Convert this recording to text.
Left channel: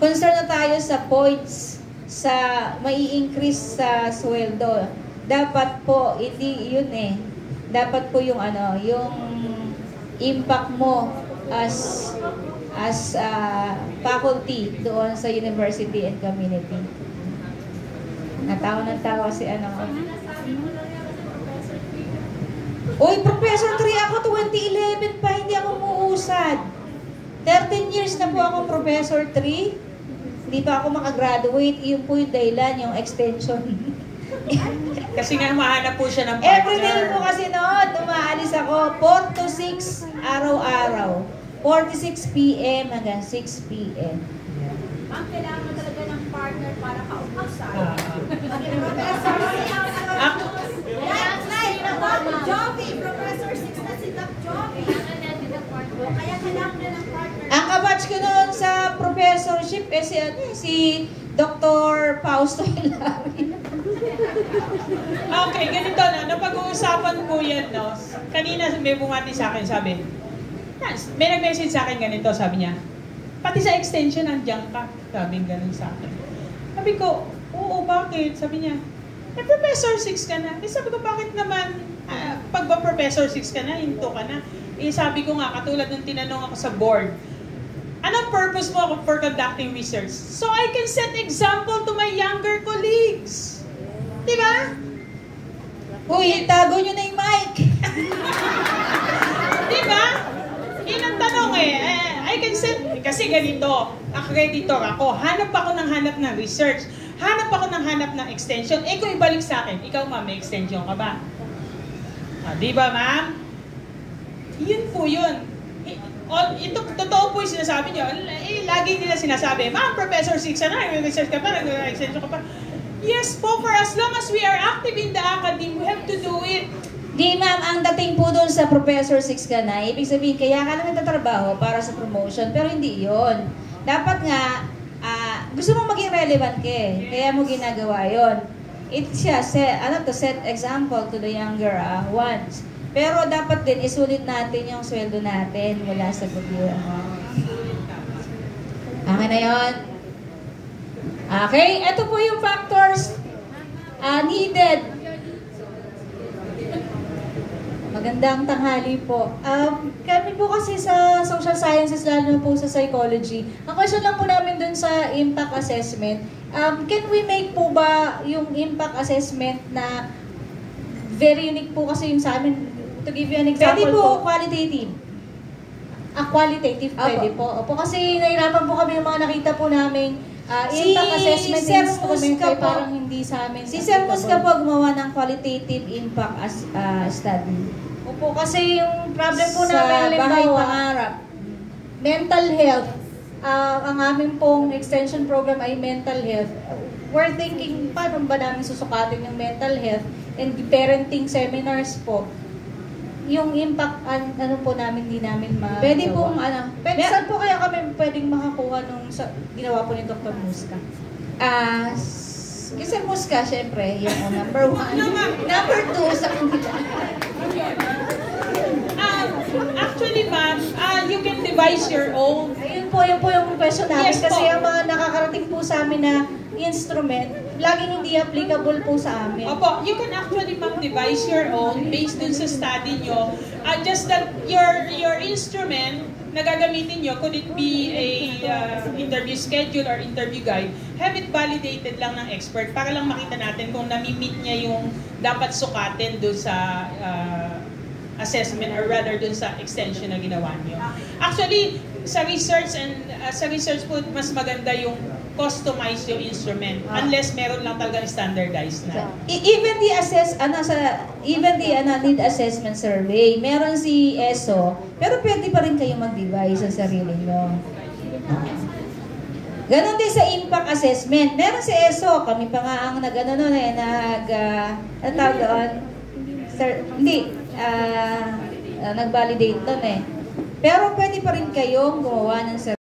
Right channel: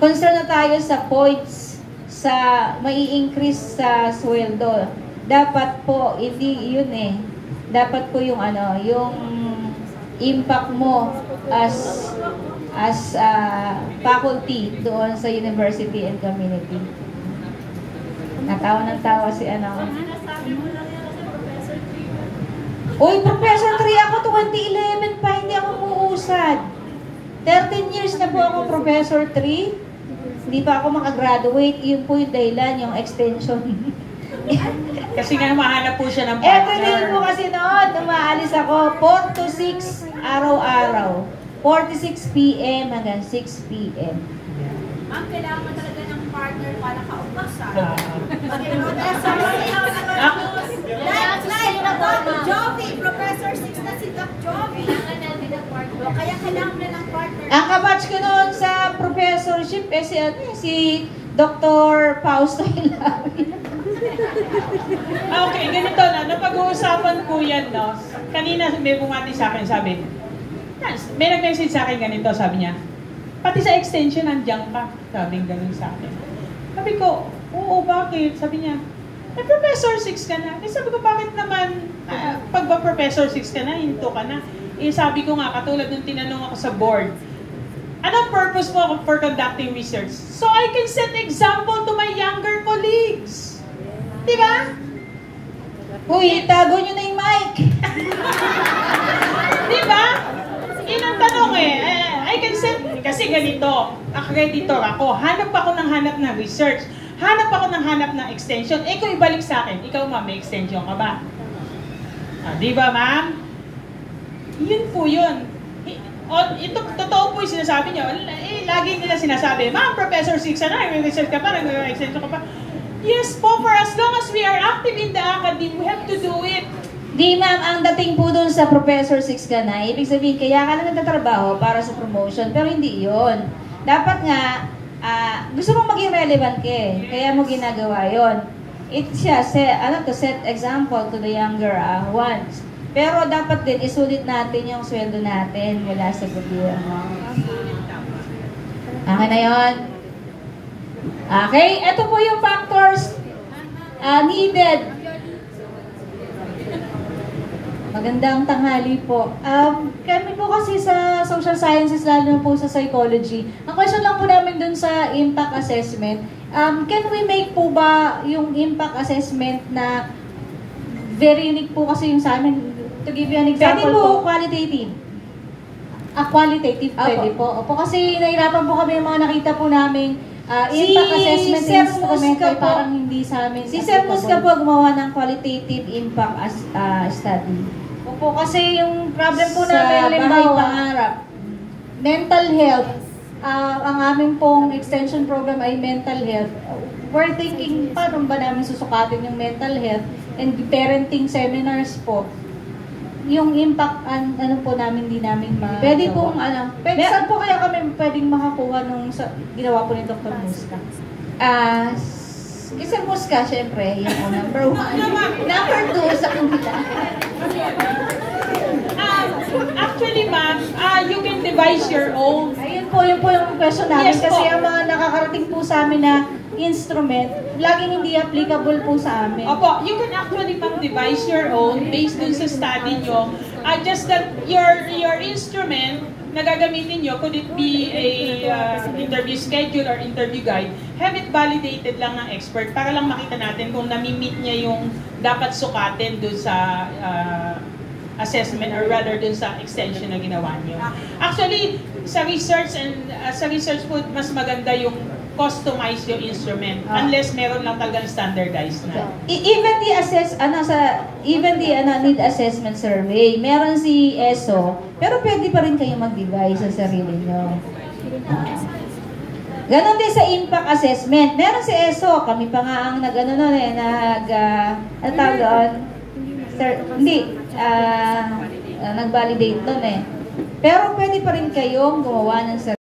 Concern na tayo sa points sa mai-increase sa sweldo. Dapat po hindi yun dapat po yung yung impact mo as faculty doon sa university and community. Natawa ng tawa si Uy, Professor 3 ako 2011 pa, hindi ako muusad. 13 years na po ako Professor 3. Hindi pa ako makagraduate. Yun po yung dahilan, yung extension. Kasi nga mahanap po siya ng partner. Everyday po kasi noon, umaalis ako 4 to 6 araw-araw. 46 p.m. hanggang 6 p.m. Ang kailangan mo talaga ng partner para kaubusan. Professor 6 na si Doc Jovi. Kaya kailangan na ng partner. Ang kabatch ko noon sa professorship si Dr. Fausto Hilario. Okay, ganito na. Napag-uusapan po yan, no? Kanina may bumati sa akin, sabi, may nag-message sa akin ganito, sabi niya, pati sa extension, nandiyan ka. Sabi ganun sa akin. Sabi ko, oo, bakit? Sabi niya, Professor 6 ka na. Sabi ko, bakit naman, pag ba Professor 6 ka na, hinto ka na? Sabi ko nga, katulad ng tinanong ako sa board, anong purpose mo for conducting research? So I can set example to my younger colleagues. Diba? Uy, tago nyo na yung mic. Diba? Yun ang tanong I can set, kasi ganito, accreditor ako, hanap ng research, hanap ako ng hanap ng extension, kung ibalik sa akin, ikaw ma'am, may extension ka ba? Diba ma'am? Yun po yun. Ito, totoo po yung sinasabi nyo. Lagi nila sinasabi, ma'am, Professor 6 na, may research ka pa, nag-extension ka pa. Yes po, for as long as we are active in the academy, we have to do it. Di ma'am, ang dating po doon sa Professor 6 ka na, ibig sabihin, kaya ka lang nagtatrabaho para sa promotion, pero hindi yon. Dapat nga, gusto mong maging relevant kaya mo ginagawa yon. It's siya, to set example to the younger ones. Pero dapat din, isulit natin yung sweldo natin mula sa gobyerno. Okay na yun? Okay, ito po yung factors needed. Magandang tanghali po. Kami po kasi sa social sciences, lalo na po sa psychology, ang question lang po namin dun sa impact assessment, can we make po ba yung impact assessment na very unique po kasi yung sa amin? To give you an example Pwede po qualitative. Qualitative pwede po. Opo, kasi nahirapan po kami ng mga nakita po namin impact assessment instrument ay parang hindi sa amin. Si Sir Musca po gumawa ng qualitative impact study. Opo, kasi yung problem po sa namin, bahay pangarap. mental health. Ang aming pong extension program ay mental health. We're thinking, paano ba namin susukatin yung mental health and parenting seminars po. Yung impact, po namin, hindi namin magawa. Pwede pong, saan po kaya kami pwedeng makakuha nung ginawa po ni Dr. Musca? Sir Musca, syempre, yung number 1. Number 2 sa kanila. Actually, ma'am, you can devise your own. Yun po yung question namin. Yes, kasi po. ang mga nakakarating po sa amin na instrument, laging hindi applicable po sa amin. Opo, you can actually devise your own based dun sa study nyo. Just that your instrument na gagamitin nyo, could it be a interview schedule or interview guide, have it validated lang ng expert para lang makita natin kung nami-meet niya yung dapat sukatin dun sa assessment or rather dun sa extension na ginawa nyo. Actually, sa research po, mas maganda yung customize yung instrument unless meron lang talagang standardized na. Even the need assessment survey, meron si ESO, pero pwede pa rin kayo mag-devise sa sarili nyo. Ganon din sa impact assessment. Meron si ESO, kami pa nga ang nag-validate doon Pero pwede pa rin kayong gumawa ng